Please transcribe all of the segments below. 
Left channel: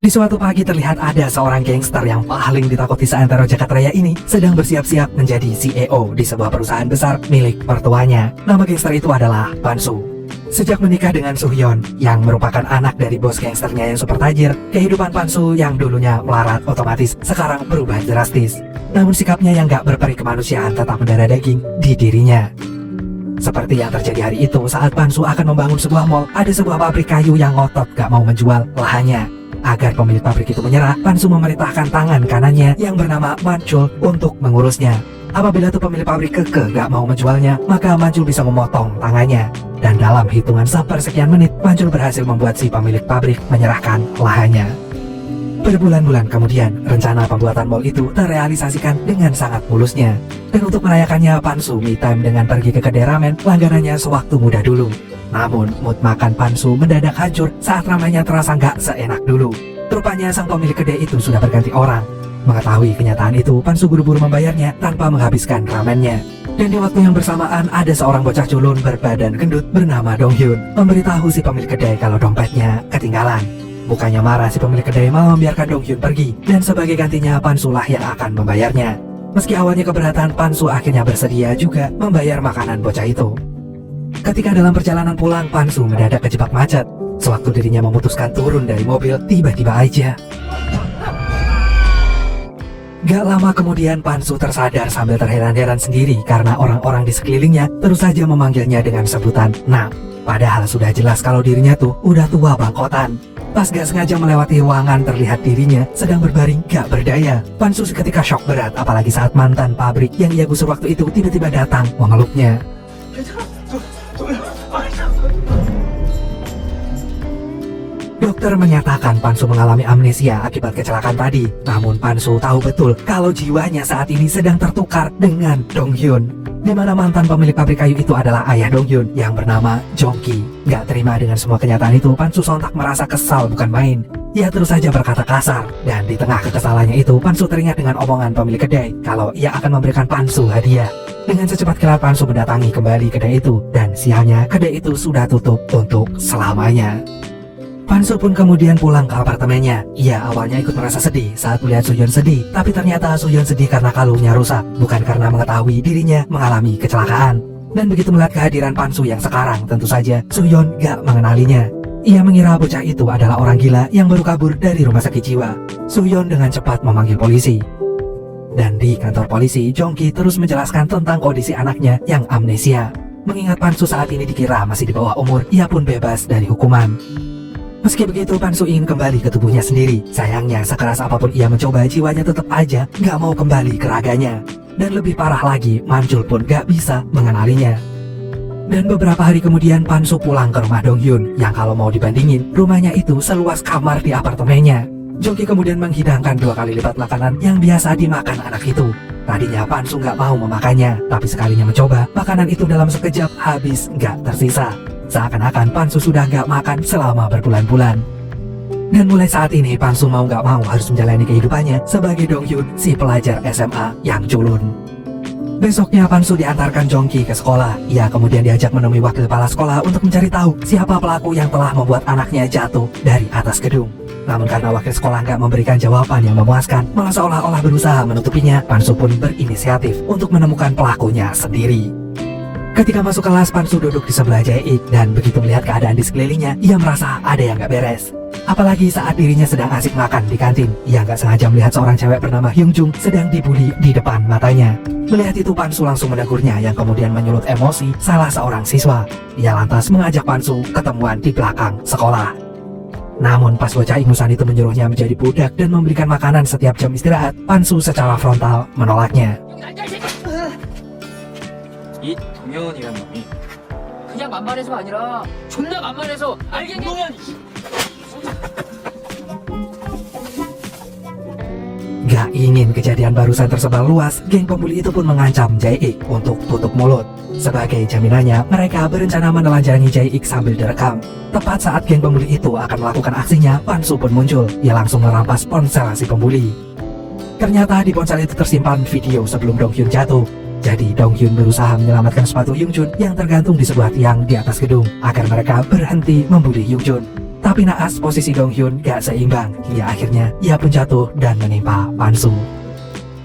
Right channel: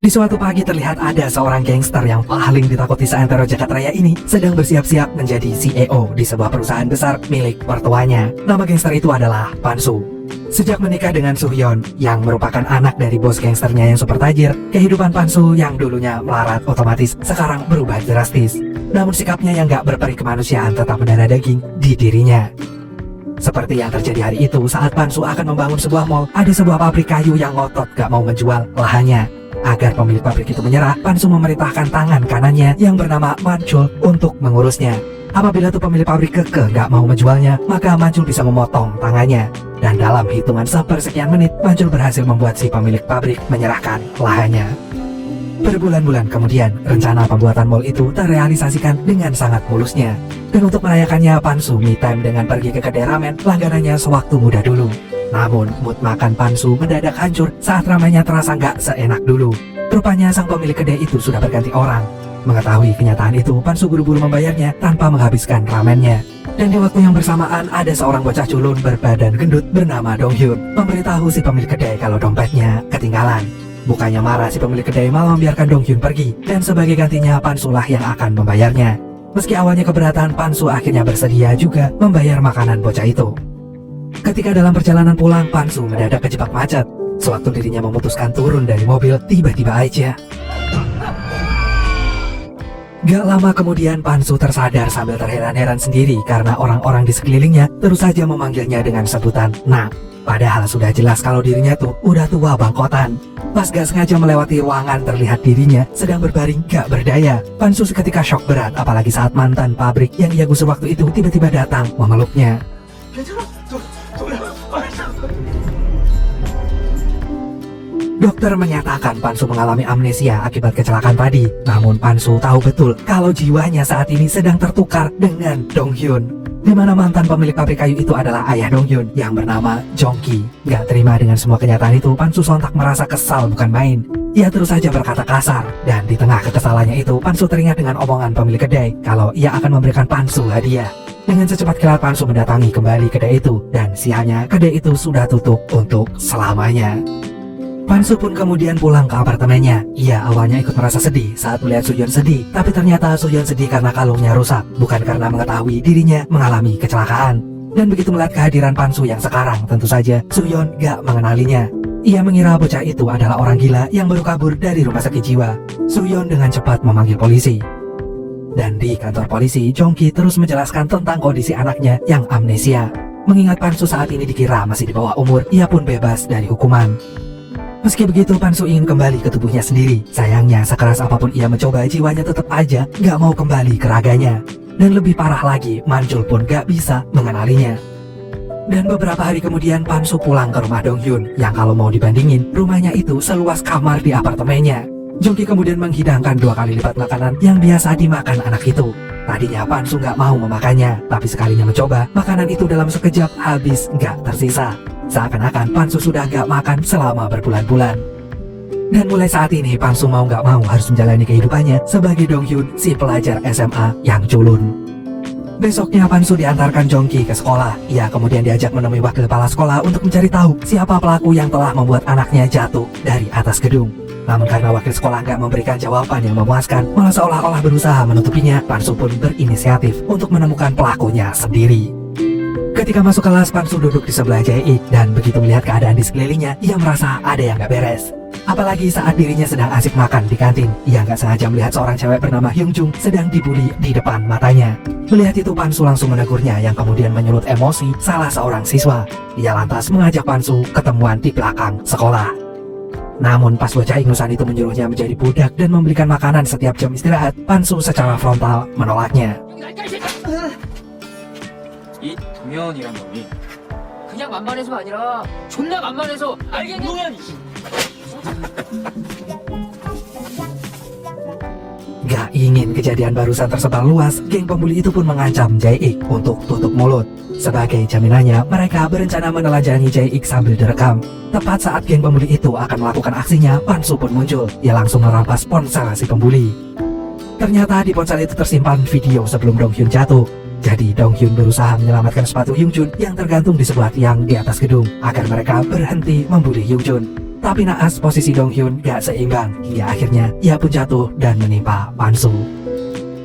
Di suatu pagi terlihat ada seorang gangster yang paling ditakuti seantero Jakarta Raya ini sedang bersiap-siap menjadi CEO di sebuah perusahaan besar milik mertuanya. Nama gangster itu adalah Pan-su. Sejak menikah dengan Soo-hyun yang merupakan anak dari bos gangsternya yang super tajir, kehidupan Pan-su yang dulunya melarat otomatis sekarang berubah drastis. Namun sikapnya yang gak berperi kemanusiaan tetap mendarah daging di dirinya. Seperti yang terjadi hari itu saat Pan-su akan membangun sebuah mall, ada sebuah pabrik kayu yang ngotot gak mau menjual lahannya. Agar pemilik pabrik itu menyerah, Pan-su memerintahkan tangan kanannya yang bernama Manchul untuk mengurusnya. Apabila tuh pemilik pabrik keke gak mau menjualnya, maka Manchul bisa memotong tangannya. Dan dalam hitungan sepersekian menit, Manchul berhasil membuat si pemilik pabrik menyerahkan lahannya. Berbulan-bulan kemudian, rencana pembuatan mall itu terrealisasikan dengan sangat mulusnya. Dan untuk merayakannya, Pan-su me time dengan pergi ke kedai ramen langganannya sewaktu muda dulu. Namun, mood makan Pan-su mendadak hancur saat ramenya terasa nggak seenak dulu. Rupanya sang pemilik kedai itu sudah berganti orang. Mengetahui kenyataan itu, Pan-su buru-buru membayarnya tanpa menghabiskan ramennya. Dan di waktu yang bersamaan, ada seorang bocah culun berbadan gendut bernama Dong-hyun memberitahu si pemilik kedai kalau dompetnya ketinggalan. Bukannya marah, si pemilik kedai malah membiarkan Dong-hyun pergi, dan sebagai gantinya Pan-su lah yang akan membayarnya. Meski awalnya keberatan, Pan-su akhirnya bersedia juga membayar makanan bocah itu. Ketika dalam perjalanan pulang, Pan-su mendadak kejebak macet. Sewaktu dirinya memutuskan turun dari mobil, tiba-tiba aja gak lama kemudian Pan-su tersadar sambil terheran-heran sendiri karena orang-orang di sekelilingnya terus saja memanggilnya dengan sebutan Nak. Padahal sudah jelas kalau dirinya tuh udah tua bangkotan. Pas gak sengaja melewati ruangan, terlihat dirinya sedang berbaring gak berdaya. Pan-su seketika shock berat, apalagi saat mantan pabrik yang ia gusur waktu itu tiba-tiba datang memeluknya. Dokter menyatakan Pan-su mengalami amnesia akibat kecelakaan tadi. Namun Pan-su tahu betul kalau jiwanya saat ini sedang tertukar dengan Dong-hyun. Di mana mantan pemilik pabrik kayu itu adalah ayah Dong-hyun yang bernama Jong-ki. Gak terima dengan semua kenyataan itu, Pan-su sontak merasa kesal bukan main. Ia terus saja berkata kasar. Dan di tengah kekesalannya itu, Pan-su teringat dengan omongan pemilik kedai kalau ia akan memberikan Pan-su hadiah. Dengan secepat kilat Pan-su mendatangi kembali kedai itu. Dan sialnya kedai itu sudah tutup untuk selamanya. Pan-su pun kemudian pulang ke apartemennya. Ia awalnya ikut merasa sedih saat melihat Soo-hyun sedih, tapi ternyata Soo-hyun sedih karena kalungnya rusak, bukan karena mengetahui dirinya mengalami kecelakaan. Dan begitu melihat kehadiran Pan-su yang sekarang, tentu saja Soo-hyun gak mengenalinya. Ia mengira bocah itu adalah orang gila yang baru kabur dari rumah sakit jiwa. Soo-hyun dengan cepat memanggil polisi. Dan di kantor polisi, Jong-ki terus menjelaskan tentang kondisi anaknya yang amnesia. Mengingat Pan-su saat ini dikira masih di bawah umur, ia pun bebas dari hukuman. Meski begitu, Pan-su ingin kembali ke tubuhnya sendiri. Sayangnya, sekeras apapun ia mencoba, jiwanya tetap aja gak mau kembali ke raganya. Dan lebih parah lagi, Manchul pun gak bisa mengenalinya. Dan beberapa hari kemudian, Pan-su pulang ke rumah Dong-hyun, yang kalau mau dibandingin, rumahnya itu seluas kamar di apartemennya. Jong-ki kemudian menghidangkan 2 kali lipat makanan yang biasa dimakan anak itu. Tadinya Pan-su gak mau memakannya, tapi sekalinya mencoba, makanan itu dalam sekejap habis gak tersisa. Seakan-akan Pan-su sudah gak makan selama berbulan-bulan. Dan mulai saat ini Pan-su mau gak mau harus menjalani kehidupannya sebagai Dong-hyun, si pelajar SMA yang culun. Besoknya Pan-su diantarkan Jong-ki ke sekolah. Ia kemudian diajak menemui wakil kepala sekolah untuk mencari tahu siapa pelaku yang telah membuat anaknya jatuh dari atas gedung. Namun karena wakil sekolah gak memberikan jawaban yang memuaskan, malah seolah-olah berusaha menutupinya, Pan-su pun berinisiatif untuk menemukan pelakunya sendiri. Ketika masuk kelas, Pan-su duduk di sebelah Jae-ik dan begitu melihat keadaan di sekelilingnya, ia merasa ada yang gak beres. Apalagi saat dirinya sedang asik makan di kantin, ia gak sengaja melihat seorang cewek bernama Hyung-jung sedang dibully di depan matanya. Melihat itu, Pan-su langsung menegurnya yang kemudian menyulut emosi salah seorang siswa. Ia lantas mengajak Pan-su ketemuan di belakang sekolah. Namun pas bocah ingusan itu menyuruhnya menjadi budak dan membelikan makanan setiap jam istirahat, Pan-su secara frontal menolaknya. 이 동현이라는 놈이 그냥 만만해서가 아니라 존나 만만해서 알겠니? Gak ingin kejadian barusan tersebar luas, geng pembuli itu pun mengancam Jae-ik untuk tutup mulut. Sebagai jaminannya, mereka berencana menelanjangi Jae-ik sambil direkam. Tepat saat geng pembuli itu akan melakukan aksinya, Pan-su pun muncul. Ia langsung merampas ponsel si pembuli. Ternyata di ponsel itu tersimpan video sebelum Dong-hyun jatuh. Jadi Dong-hyun berusaha menyelamatkan sepatu Hyung-jun yang tergantung di sebuah tiang di atas gedung agar mereka berhenti membuli Hyung-jun. Tapi naas posisi Dong Hyun gak seimbang, hingga akhirnya ia pun jatuh dan menimpa Pansu.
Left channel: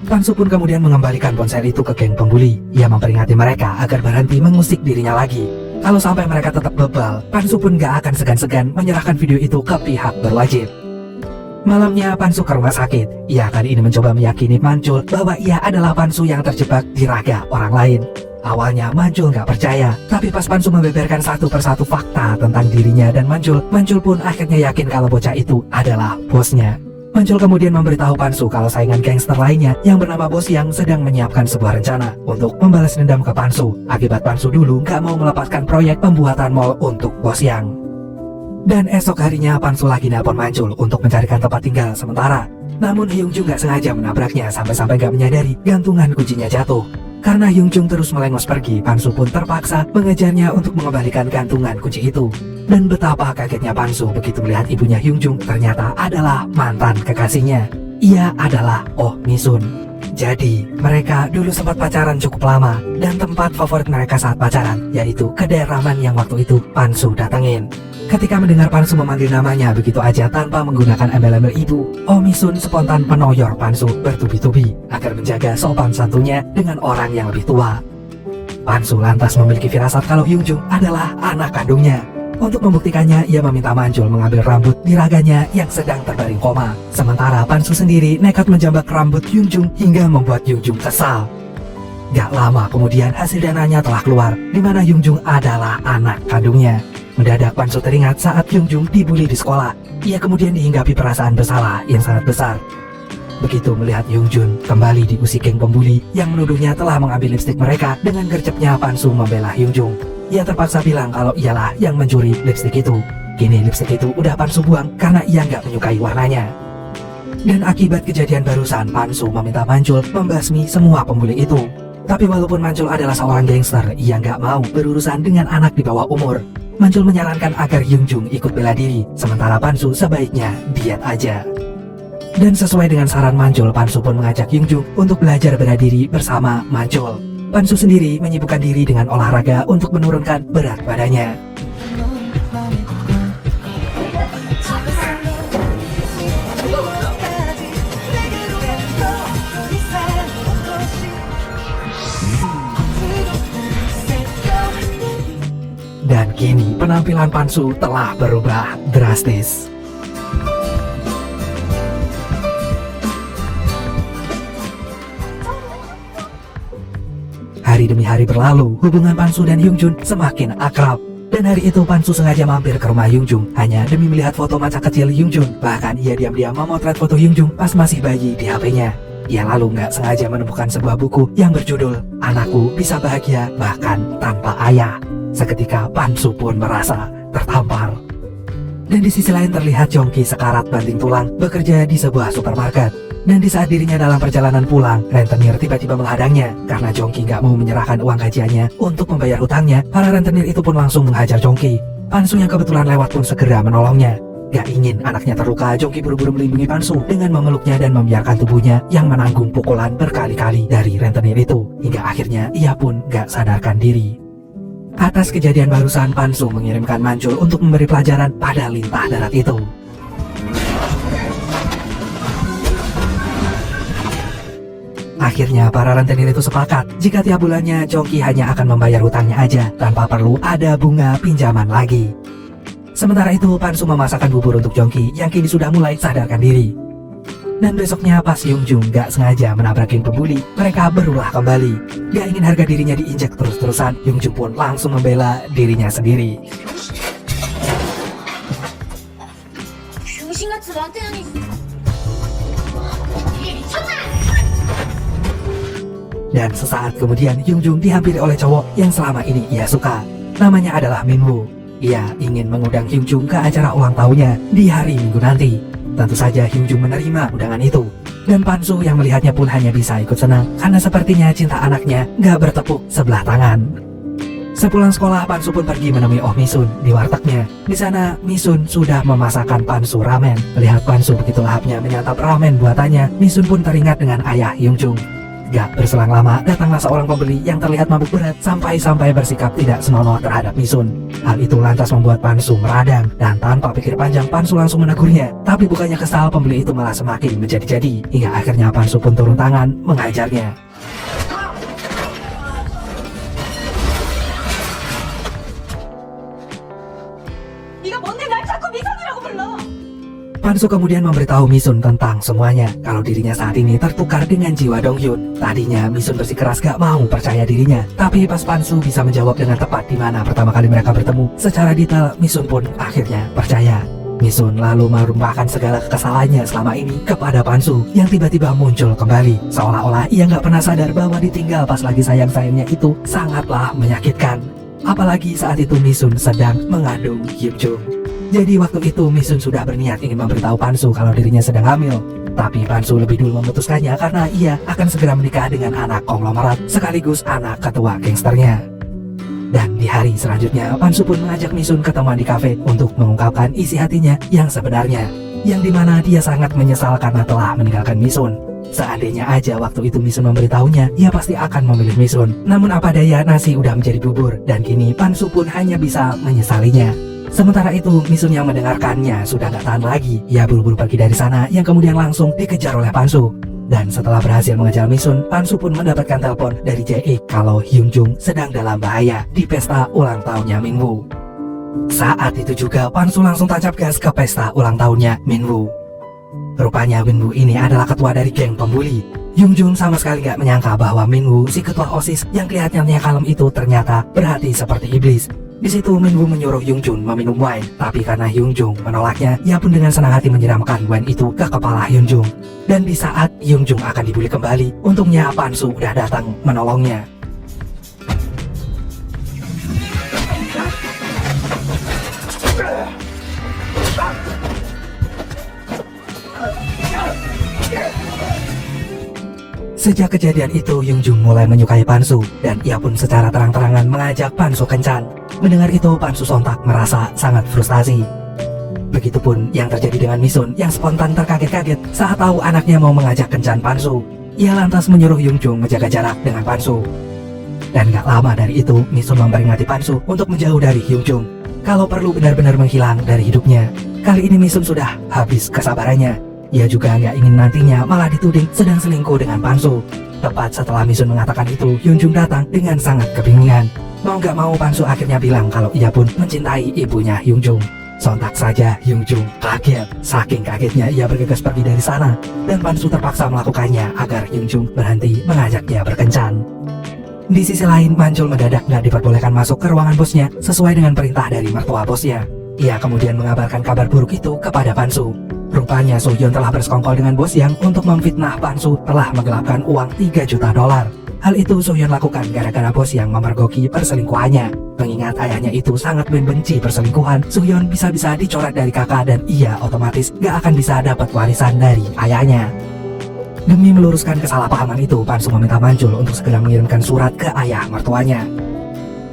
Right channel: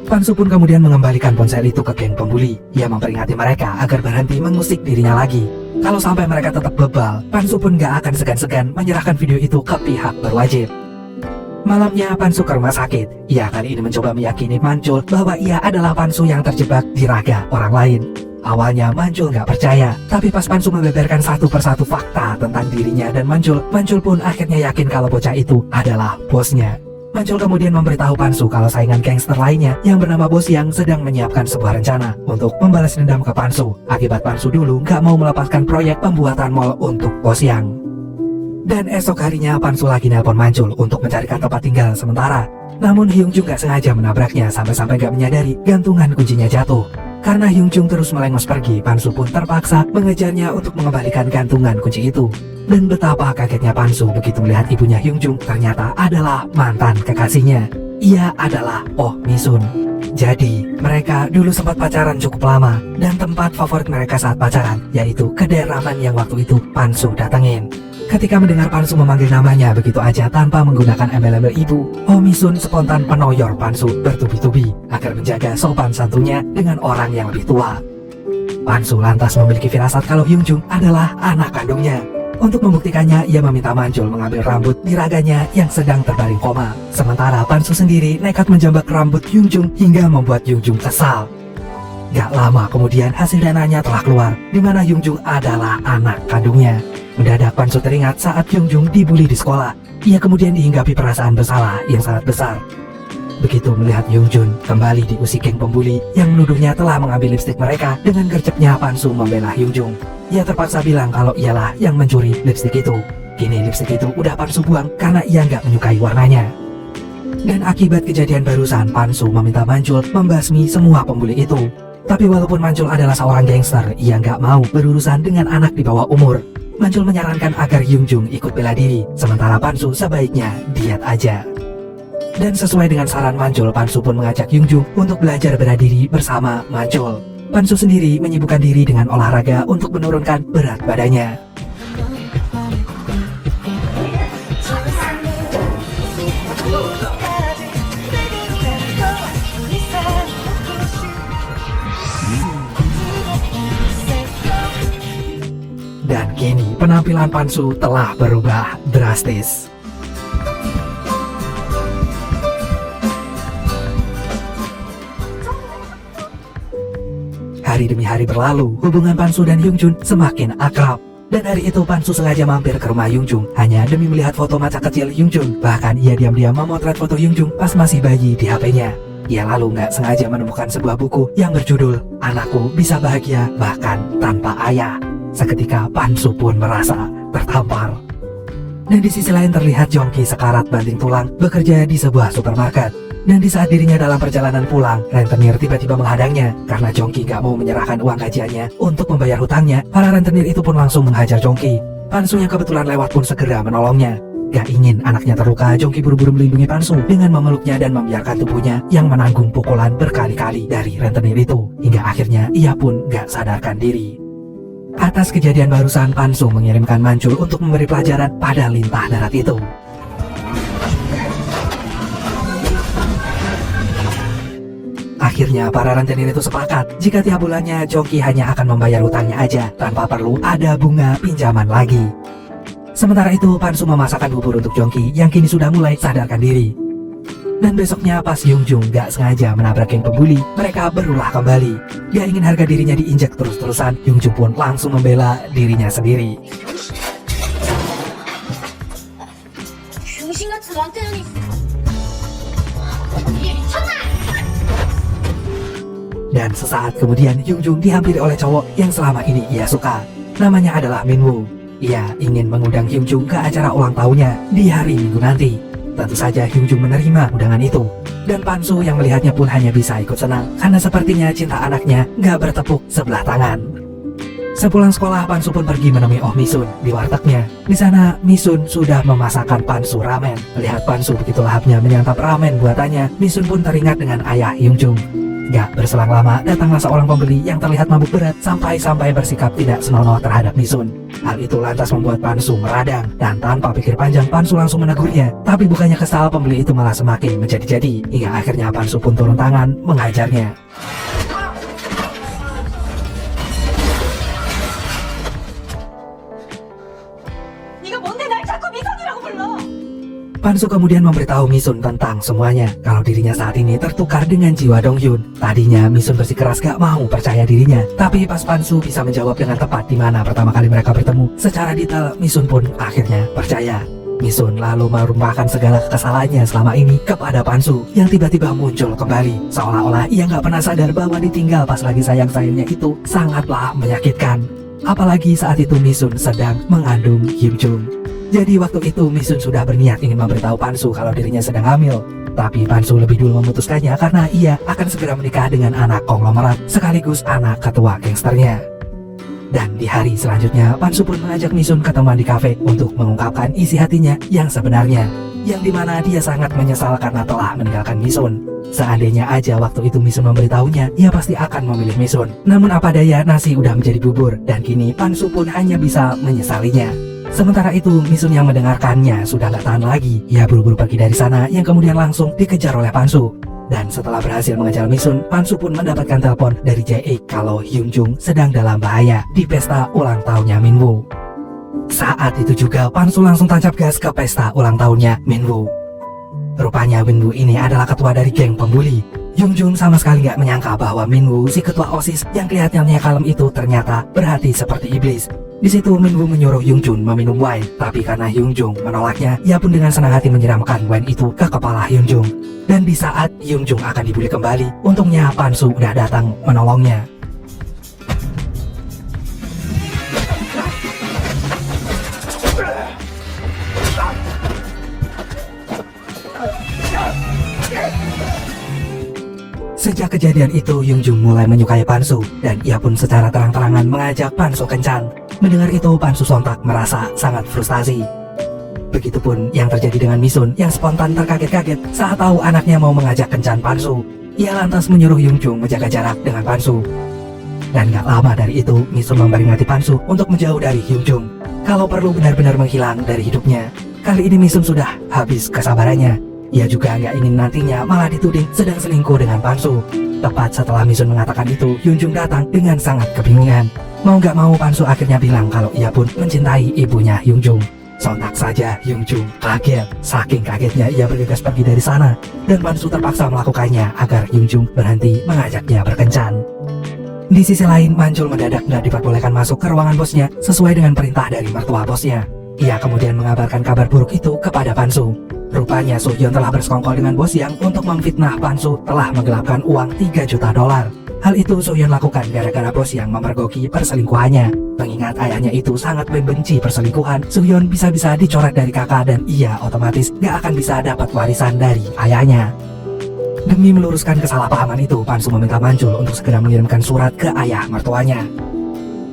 Pansu pun kemudian mengembalikan ponsel itu ke geng pembuli. Ia memperingati mereka agar berhenti mengusik dirinya lagi. Kalau sampai mereka tetap bebal, Pansu pun gak akan segan-segan menyerahkan video itu ke pihak berwajib. Malamnya Pansu ke rumah sakit. Ia kali ini mencoba meyakini Manjul bahwa ia adalah Pansu yang terjebak di raga orang lain. Awalnya Manjul gak percaya, tapi pas Pansu membeberkan satu persatu fakta tentang dirinya dan Manjul pun akhirnya yakin kalau bocah itu adalah bosnya. Manjul kemudian memberitahu Pansu kalau saingan gangster lainnya yang bernama Bos Yang sedang menyiapkan sebuah rencana untuk membalas dendam ke Pansu. Akibat Pansu dulu gak mau melepaskan proyek pembuatan mall untuk Bos Yang. Dan esok harinya Pansu lagi nelpon Manjul untuk mencarikan tempat tinggal sementara. Namun Hyung Jung gak sengaja menabraknya sampai-sampai gak menyadari gantungan kuncinya jatuh. Karena Hyung Jung terus melengos pergi, Pansu pun terpaksa mengejarnya untuk mengembalikan gantungan kunci itu. Dan betapa kagetnya Pansu begitu melihat ibunya Hyung Jung ternyata adalah mantan kekasihnya. Ia adalah Oh Mi-sun. Jadi, mereka dulu sempat pacaran cukup lama, dan tempat favorit mereka saat pacaran, yaitu kedai ramen yang waktu itu Pansu datengin. Ketika mendengar Pansu memanggil namanya begitu aja tanpa menggunakan embel-embel ibu, Oh Mi-sun spontan penoyor Pansu bertubi-tubi agar menjaga sopan santunnya dengan orang yang lebih tua. Pansu lantas memiliki firasat kalau Hyung Jung adalah anak kandungnya. Untuk membuktikannya, ia meminta Manjul mengambil rambut di raganya yang sedang terbaring koma. Sementara Pansu sendiri nekat menjambak rambut Hyung Jung hingga membuat Hyung Jung kesal. Gak lama kemudian hasil dananya telah keluar, di mana Hyung Jung adalah anak kandungnya. Mendadak Pansu teringat saat Hyung Jung dibully di sekolah. Ia kemudian dihinggapi perasaan bersalah yang sangat besar. Begitu melihat Hyung Jun kembali diusik geng pembuli yang menuduhnya telah mengambil lipstik mereka, dengan gercepnya Pansu membela Hyung Jung. Ia terpaksa bilang kalau ialah yang mencuri lipstik itu. Kini lipstik itu udah Pansu buang karena ia nggak menyukai warnanya. Dan akibat kejadian barusan, Pansu meminta Manjul membasmi semua pembuli itu. Tapi walaupun Manjul adalah seorang gangster, ia nggak mau berurusan dengan anak di bawah umur. Manjul menyarankan agar Hyung Jung ikut bela diri, sementara Pansu sebaiknya diet aja. Dan sesuai dengan saran Manjul, Pansu pun mengajak Hyung Jung untuk belajar bela diri bersama Manjul. Pansu sendiri menyibukkan diri dengan olahraga untuk menurunkan berat badannya. Dan kini penampilan Pansu telah berubah drastis. Hari demi hari berlalu, hubungan Pansu dan Hyung Jun semakin akrab. Dan hari itu Pansu sengaja mampir ke rumah Hyung Jung hanya demi melihat foto masa kecil Hyung Jun. Bahkan ia diam-diam memotret foto Hyung Jung pas masih bayi di HP-nya. Ia lalu nggak sengaja menemukan sebuah buku yang berjudul Anakku Bisa Bahagia Bahkan Tanpa Ayah. Seketika Pansu pun merasa tertampar. Dan di sisi lain terlihat Jongki sekarat banting tulang bekerja di sebuah supermarket. Dan di saat dirinya dalam perjalanan pulang, rentenir tiba-tiba menghadangnya. Karena Jongki gak mau menyerahkan uang gajiannya untuk membayar hutangnya, para rentenir itu pun langsung menghajar Jongki. Pansu yang kebetulan lewat pun segera menolongnya. Gak ingin anaknya terluka, Jongki buru-buru melindungi Pansu dengan memeluknya dan membiarkan tubuhnya yang menanggung pukulan berkali-kali dari rentenir itu. Hingga akhirnya ia pun gak sadarkan diri. Atas kejadian barusan, Pansu mengirimkan Manjul untuk memberi pelajaran pada lintah darat itu. Akhirnya para rentenir itu sepakat jika tiap bulannya Jongki hanya akan membayar hutangnya aja tanpa perlu ada bunga pinjaman lagi. Sementara itu Pansu memasakkan bubur untuk Jongki yang kini sudah mulai sadarkan diri. Dan besoknya pas Hyung Jung gak sengaja menabrak geng pembuli, mereka berulah kembali. Gak ingin harga dirinya diinjak terus-terusan, Hyung Jung pun langsung membela dirinya sendiri. Dan sesaat kemudian Hyung Jung dihampiri oleh cowok yang selama ini ia suka. Namanya adalah Min Woo. Ia ingin mengundang Hyung Jung ke acara ulang tahunnya di hari Minggu nanti. Tentu saja Hyung Jung menerima undangan itu. Dan Pansu yang melihatnya pun hanya bisa ikut senang karena sepertinya cinta anaknya gak bertepuk sebelah tangan. Sepulang sekolah, Pansu pun pergi menemui Oh Mi-sun di wartegnya. Di sana, Mi-sun sudah memasakkan Pansu ramen. Melihat Pansu begitu lahapnya menyantap ramen buatannya, Mi-sun pun teringat dengan ayah Hyung Jung. Gak berselang lama, datanglah seorang pembeli yang terlihat mabuk berat sampai bersikap tidak senonoh terhadap Misun. Hal itu lantas membuat Pansu meradang, dan tanpa pikir panjang Pansu langsung menegurnya. Tapi bukannya kesal, pembeli itu malah semakin menjadi-jadi, hingga akhirnya Pansu pun turun tangan menghajarnya. 네가 뭔데 날 자꾸 미선이라고 불러? Pansu kemudian memberitahu Misun tentang semuanya, kalau dirinya saat ini tertukar dengan jiwa Donghyun. Tadinya Misun bersikeras gak mau percaya dirinya, tapi pas Pansu bisa menjawab dengan tepat di mana pertama kali mereka bertemu secara detail, Misun pun akhirnya percaya. Misun lalu merumpahkan segala kekesalannya selama ini kepada Pansu yang tiba-tiba muncul kembali, seolah-olah ia gak pernah sadar bahwa ditinggal pas lagi sayang-sayangnya itu sangatlah menyakitkan. Apalagi saat itu Misun sedang mengandung Hyunjung. Jadi waktu itu Misun sudah berniat ingin memberitahu Pansu kalau dirinya sedang hamil. Tapi Pansu lebih dulu memutuskannya karena ia akan segera menikah dengan anak konglomerat sekaligus anak ketua gangsternya. Dan di hari selanjutnya Pansu pun mengajak Misun ketemuan di kafe untuk mengungkapkan isi hatinya yang sebenarnya, yang dimana dia sangat menyesal karena telah meninggalkan Misun. Seandainya aja waktu itu Misun memberitahunya, ia pasti akan memilih Misun. Namun apa daya, nasi udah menjadi bubur, dan kini Pansu pun hanya bisa menyesalinya. Sementara itu Misun yang mendengarkannya sudah gak tahan lagi. Ia buru-buru pergi dari sana yang kemudian langsung dikejar oleh Pansu. Dan setelah berhasil mengejar Misun, Pansu pun mendapatkan telepon dari Jae kalau Hyunjung sedang dalam bahaya di pesta ulang tahunnya Minwoo. Saat itu juga Pansu langsung tancap gas ke pesta ulang tahunnya Minwoo. Rupanya Minwoo ini adalah ketua dari geng pembuli. Hyunjung sama sekali gak menyangka bahwa Minwoo, si ketua OSIS yang kelihatannya kalem itu, ternyata berhati seperti iblis. Di situ Minwoo menyuruh Hyunjung meminum wine, tapi karena Hyunjung menolaknya, ia pun dengan senang hati menyiramkan wine itu ke kepala Hyunjung. Dan di saat Hyunjung akan dibully kembali, untungnya Pansu udah datang menolongnya. Sejak kejadian itu, Hyunjung mulai menyukai Pansu, dan ia pun secara terang-terangan mengajak Pansu kencan. Mendengar itu, Pansu sontak merasa sangat frustasi. Begitupun yang terjadi dengan Misun yang spontan terkaget-kaget saat tahu anaknya mau mengajak kencan Pansu. Ia lantas menyuruh Hyunjung menjaga jarak dengan Pansu. Dan gak lama dari itu, Misun memperingati Pansu untuk menjauh dari Hyunjung, kalau perlu benar-benar menghilang dari hidupnya. Kali ini Misun sudah habis kesabarannya. Ia juga nggak ingin nantinya malah dituding sedang selingkuh dengan Pansu. Tepat setelah Misun mengatakan itu, Hyunjung datang dengan sangat kebingungan. Mau nggak mau Pansu akhirnya bilang kalau ia pun mencintai ibunya Hyunjung. Sontak saja Hyunjung kaget. Saking kagetnya ia bergegas pergi dari sana, dan Pansu terpaksa melakukannya agar Hyunjung berhenti mengajak dia berkencan. Di sisi lain, Manjul mendadak nggak diperbolehkan masuk ke ruangan bosnya sesuai dengan perintah dari mertua bosnya. Ia kemudian mengabarkan kabar buruk itu kepada Pansu. Rupanya Sohyun telah bersekongkol dengan bos yang untuk memfitnah Pansu telah menggelapkan uang $3 juta. Hal itu Sohyun lakukan gara-gara bos yang memergoki perselingkuhannya. Mengingat ayahnya itu sangat membenci perselingkuhan, Sohyun bisa-bisa dicoret dari kakak dan ia otomatis gak akan bisa dapat warisan dari ayahnya. Demi meluruskan kesalahpahaman itu, Pansu meminta Manjul untuk segera mengirimkan surat ke ayah mertuanya.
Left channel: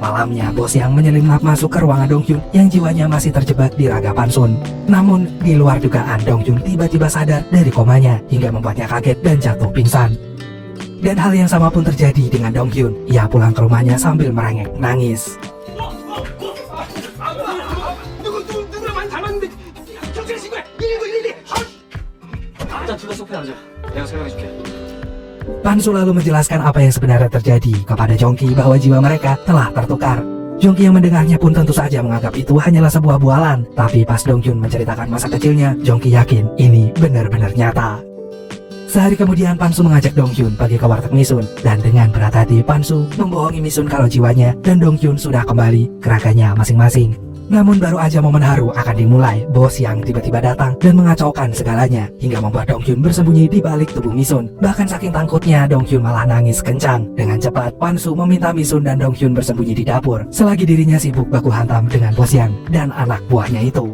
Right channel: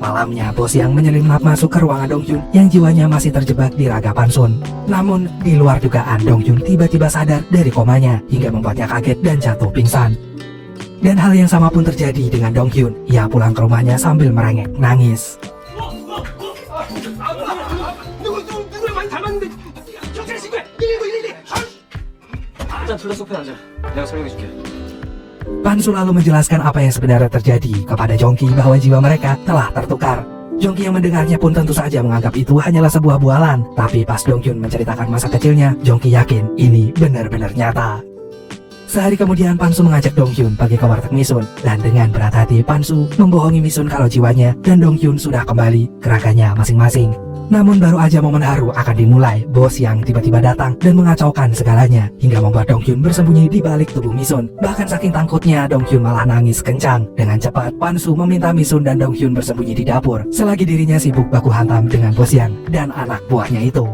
Malamnya, bos yang menyelinap masuk ke ruangan Donghyun yang jiwanya masih terjebak di raga Pansun. Namun, di luar dugaan, Donghyun tiba-tiba sadar dari komanya hingga membuatnya kaget dan jatuh pingsan. Dan hal yang sama pun terjadi dengan Donghyun. Ia pulang ke rumahnya sambil merengek nangis. Pansu lalu menjelaskan apa yang sebenarnya terjadi kepada Jongki bahwa jiwa mereka telah tertukar. Jongki yang mendengarnya pun tentu saja menganggap itu hanyalah sebuah bualan. Tapi pas Donghyun menceritakan masa kecilnya, Jongki yakin ini benar-benar nyata. Sehari kemudian Pansu mengajak Donghyun pergi ke warteg Misun. Dan dengan berat hati Pansu membohongi Misun kalau jiwanya dan Donghyun sudah kembali ke raganya masing-masing. Namun baru aja momen haru akan dimulai, bos yang tiba-tiba datang dan mengacaukan segalanya hingga membuat Donghyun bersembunyi di balik tubuh Misun. Bahkan saking takutnya, Donghyun malah nangis kencang. Dengan cepat, Pansu meminta Misun dan Donghyun bersembunyi di dapur selagi dirinya sibuk baku hantam dengan bos yang dan anak buahnya itu.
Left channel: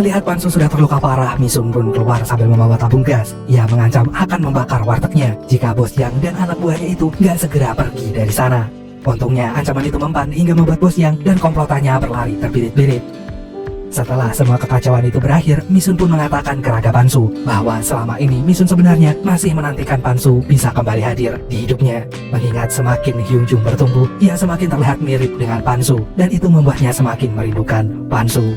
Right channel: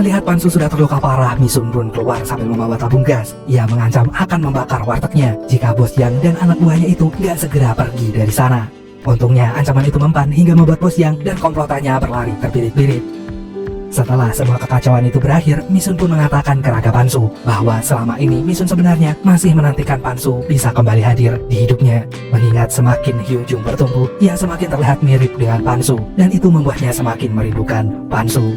Melihat Pansu sudah terluka parah, Misun pun keluar sambil membawa tabung gas. Ia mengancam akan membakar wartegnya jika Bos Yang dan anak buahnya itu nggak segera pergi dari sana. Untungnya ancaman itu mempan hingga membuat Bos Yang dan komplotannya berlari terbirit-birit. Setelah semua kekacauan itu berakhir, Misun pun mengatakan ke Raga Pansu bahwa selama ini Misun sebenarnya masih menantikan Pansu bisa kembali hadir di hidupnya. Mengingat semakin Hyunjung bertumbuh, ia semakin terlihat mirip dengan Pansu dan itu membuatnya semakin merindukan Pansu.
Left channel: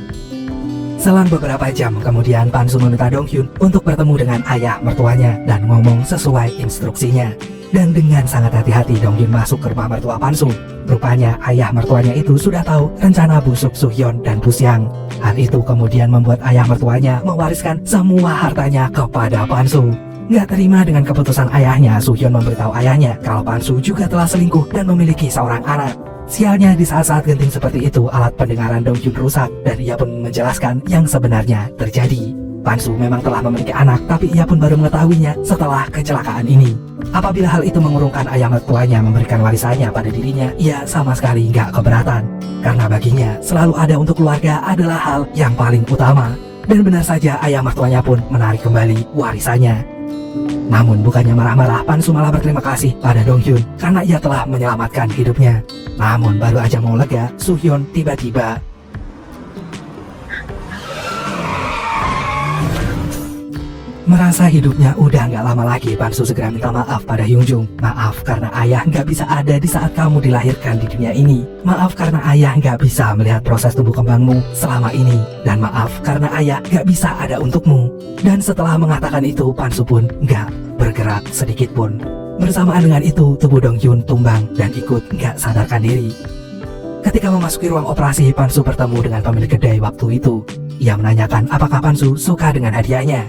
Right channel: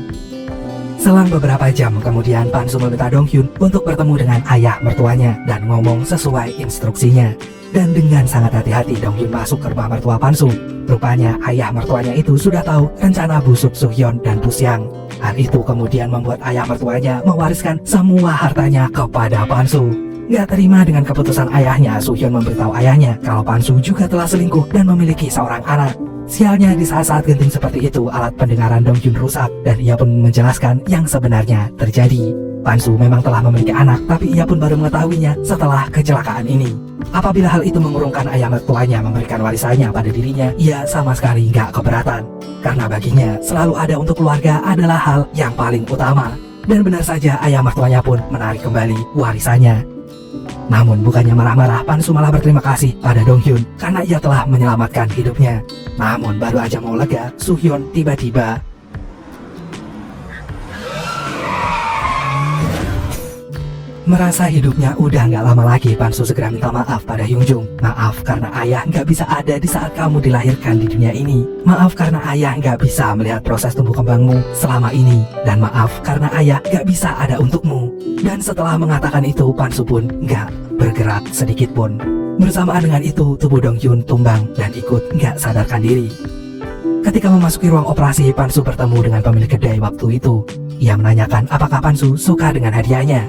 Selang beberapa jam kemudian, Pansu meminta Donghyun untuk bertemu dengan ayah mertuanya dan ngomong sesuai instruksinya. Dan dengan sangat hati-hati Donghyun masuk ke rumah mertua Pansu. Rupanya ayah mertuanya itu sudah tahu rencana busuk Suhyun dan Pusyang. Hal itu kemudian membuat ayah mertuanya mewariskan semua hartanya kepada Pansu. Gak terima dengan keputusan ayahnya, Suhyun memberitahu ayahnya kalau Pansu juga telah selingkuh dan memiliki seorang anak. Sialnya di saat-saat genting seperti itu, alat pendengaran Donghyun rusak dan ia pun menjelaskan yang sebenarnya terjadi. Pansu memang telah memiliki anak, tapi ia pun baru mengetahuinya setelah kecelakaan ini. Apabila hal itu mengurungkan ayah mertuanya memberikan warisannya pada dirinya, ia sama sekali gak keberatan. Karena baginya, selalu ada untuk keluarga adalah hal yang paling utama. Dan benar saja ayah mertuanya pun menarik kembali warisannya. Namun bukannya marah-marah, Pansu malah berterima kasih pada Donghyun karena ia telah menyelamatkan hidupnya. Namun baru aja mau lega, Suhyun tiba-tiba merasa hidupnya udah nggak lama lagi. Pansu segera minta maaf pada Hyunjung. Maaf karena ayah nggak bisa ada di saat kamu dilahirkan di dunia ini. Maaf karena ayah nggak bisa melihat proses tumbuh kembangmu selama ini. Dan maaf karena ayah nggak bisa ada untukmu. Dan setelah mengatakan itu, Pansu pun nggak bergerak sedikit pun. Bersamaan dengan itu, tubuh Donghyun tumbang dan ikut nggak sadarkan diri. Ketika memasuki ruang operasi, Pansu bertemu dengan pemilik kedai waktu itu. Ia menanyakan apakah Pansu suka dengan hadiahnya.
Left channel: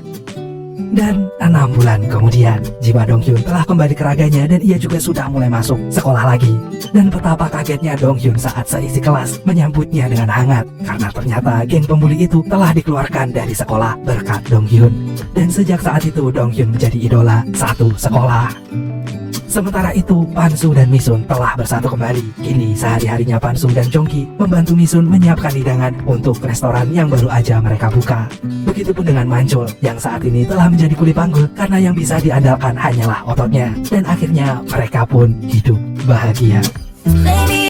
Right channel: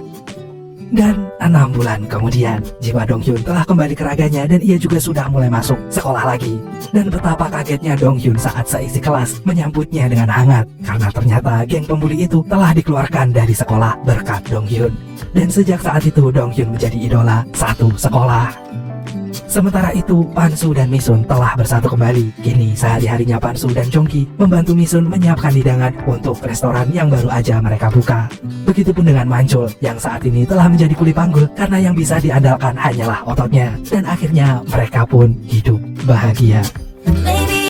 Dan 6 bulan kemudian, jiwa Donghyun telah kembali ke raganya dan ia juga sudah mulai masuk sekolah lagi. Dan betapa kagetnya Donghyun saat seisi kelas menyambutnya dengan hangat. Karena ternyata geng pembuli itu telah dikeluarkan dari sekolah berkat Donghyun. Dan sejak saat itu Donghyun menjadi idola satu sekolah. Sementara itu, Pansu dan Misun telah bersatu kembali. Kini sehari-harinya Pansu dan Jongki membantu Misun menyiapkan hidangan untuk restoran yang baru aja mereka buka. Begitupun dengan Manchul yang saat ini telah menjadi kuli panggul karena yang bisa diandalkan hanyalah ototnya. Dan akhirnya mereka pun hidup bahagia.